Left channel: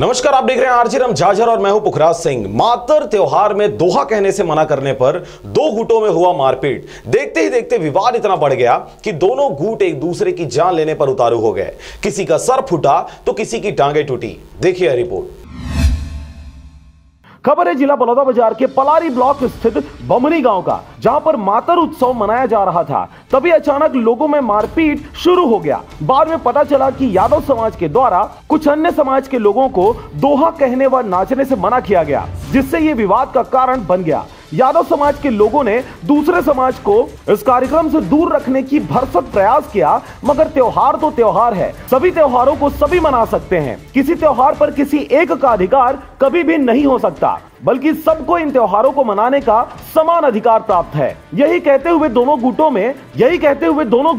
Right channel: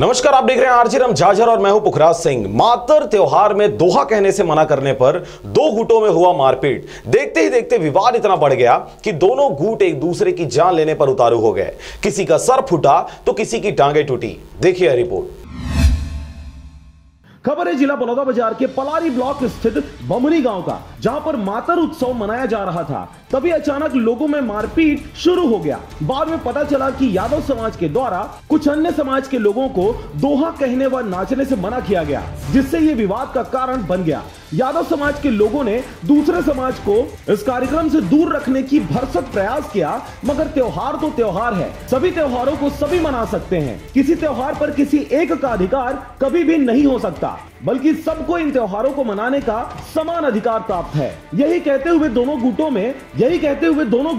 नमस्कार, आप देख रहे हैं आरजे रमझाझर और मैं हूं पुखराज सिंह। मातर त्योहार में दोहा कहने से मना करने पर दो गुटों में हुआ मारपीट। देखते ही देखते विवाद इतना बढ़ गया कि दोनों गुट एक दूसरे की जान लेने पर उतारू हो गए। किसी का सर फूटा तो किसी की टांगें टूटी। देखिए रिपोर्ट। खबर है जिला बलौदाबाजार के पलारी ब्लॉक स्थित बमनी गांव का, जहां पर मातर उत्सव मनाया जा रहा था। तभी अचानक लोगों में मारपीट शुरू हो गया। बाद में पता चला कि यादव समाज के द्वारा कुछ अन्य समाज के लोगों को दोहा कहने व नाचने से मना किया गया, जिससे ये विवाद का कारण बन गया। यादव समाज के लोगों ने दूसरे समाज को इस कार्यक्रम से दूर रखने की भरसक प्रयास किया, मगर त्योहार तो त्योहार है, सभी त्योहारों को सभी मना सकते हैं। किसी त्योहार पर किसी एक का अधिकार कभी भी नहीं हो सकता, बल्कि सबको इन त्योहारों को मनाने का समान अधिकार प्राप्त है। यही कहते हुए दोनों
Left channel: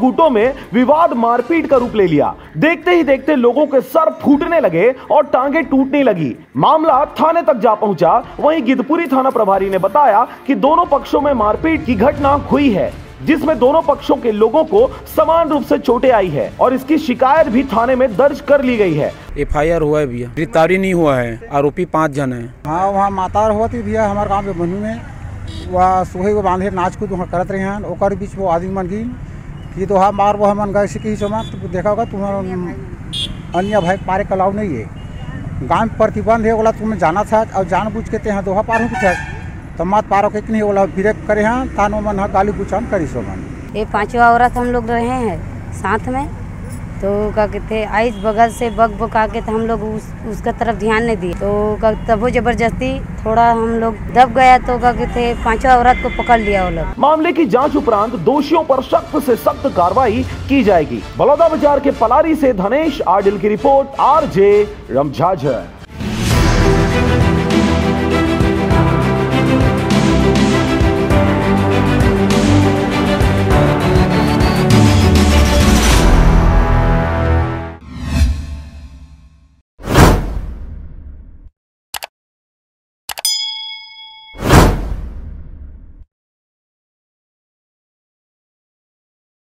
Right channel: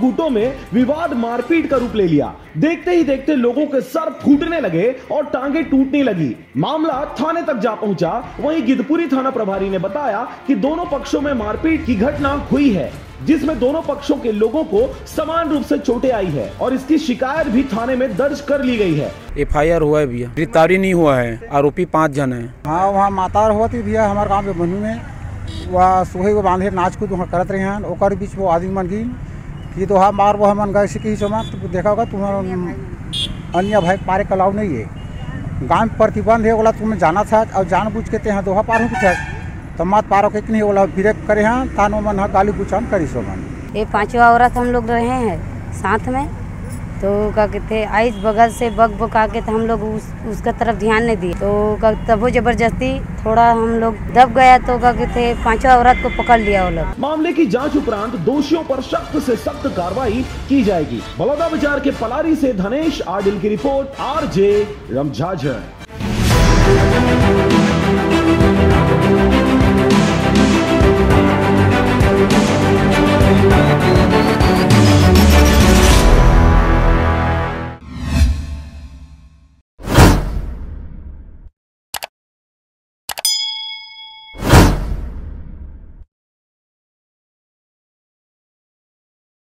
गुटों में विवाद मारपीट का रूप ले लिया। देखते ही देखते लोगों के सर फूटने लगे और टांगे टूटने लगी। मामला थाने तक जा पहुंचा। वहीं गिद्धपुरी थाना प्रभारी ने बताया कि दोनों पक्षों में मारपीट की घटना हुई है, जिसमें दोनों पक्षों के लोगों को समान रूप से चोटें आई है और इसकी शिकायत भी थाने में दर्ज कर ली गई है। FIR हुआ है भैया, गिरफ्तारी नहीं हुआ है। आरोपी 5 जन है। हाँ, वहाँ मातार हुआ थी भैया हमारे गाँव में बनी में। वह सुहे को बांधे नाच कूद वहाँ करत रहे हैं। ओकर बीच वो आदमी मन गई कि दोहा मार वो मन गए से तो देखा होगा तुम्हारा अन्य भाई पारे कलाव नहीं है। गाँव में प्रतिबंध है, बोला तुम्हें जाना था और जानबूझ के ते दोहा पार हो कुछ तो मत पारो के नहीं बोला फिर करे हैं तानो मन गाली गुचान करी सो मन। ये 5 औरत हम लोग रहे हैं साथ में, तो क्या कहते आइस बगल से बग बका के तो हम लोग उसका तरफ ध्यान नहीं दिए, तो तब वो जबरदस्ती थोड़ा हम लोग दब गया, तो क्या कहते 5 औरत को पकड़ लिया वो लोग। मामले की जांच उपरांत दोषियों पर सख्त से सख्त कार्रवाई की जाएगी। बलौदाबाजार के पलारी से धनेश आडिल की रिपोर्ट, आरजे रमझाझर।